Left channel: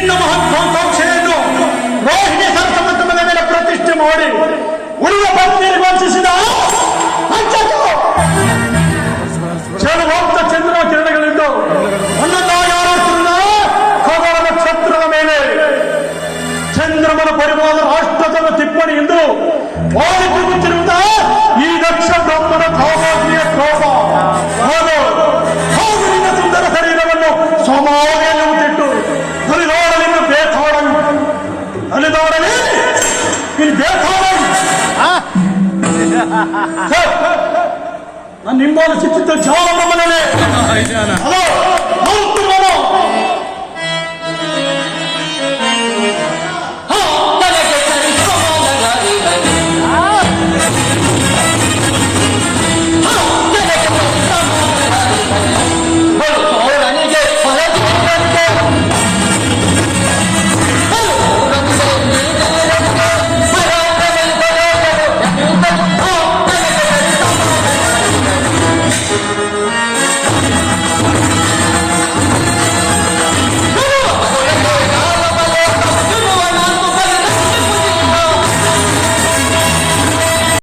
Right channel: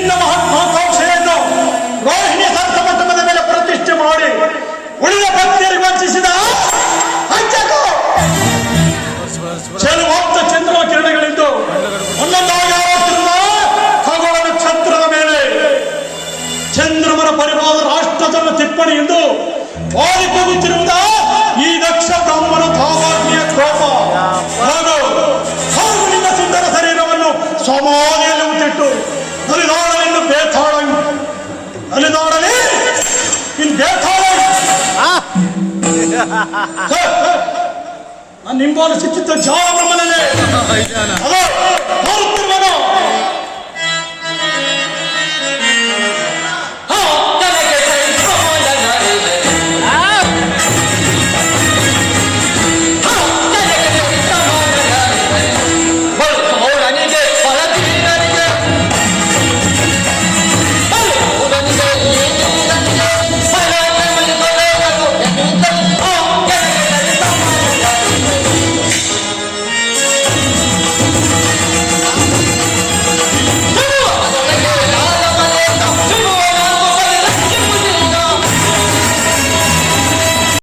ನಿನ್ನ ಮಹತ್ವಾಕಾಂಕ್ಷೆಯನ್ನು ರೋಹಿಣಿ ಸಂತಮಟ್ಟದ ಮೇಲೆ ಪ್ರತಿಷ್ಠೆ ಮಾಡಿ ಉಳಿದ ಭಕ್ತಿಯರಿಗೆ ವಂಚಿಸಿದ ಚೆಲುವಂತ ಚಂದ್ರ ಕಿರಣಗಳಿದ್ದು ಖಗೋಳ ನಕ್ಷತ್ರದ ಮೇಲೆ ಚಂದ್ರಮನ ಪರಿವಾರ ರಾಷ್ಟ್ರದಲ್ಲಿ ಟಿಪ್ಪಣಿಯಿಂದ ವಾಲಿ ಹೋಗುತ್ತಿರುವುದ ಈ ನಕ್ಷತ್ರಮ್ಮನ ಕಾಮಾಗ್ನಿಯ ಕೋಪ ಹಾಗೂ ನಿನ್ನ ಸುಂದರ ಶರೀರವನ್ನು ಸಮಾಧಿಯಲ್ಲಿ ಮುಟ್ಟಿಟ್ಟು ಅಲಿದಾಡಲಿನ್ನು ಬೇತಾಳ ಅಲಿದಾಡಲಿ ಇನ್ನು ಬೇತಾಳ ನಾನು ನಿಂಬಾಲು ಸಿಕ್ಕಿದ್ದ ಜಾಲ ಮನೆ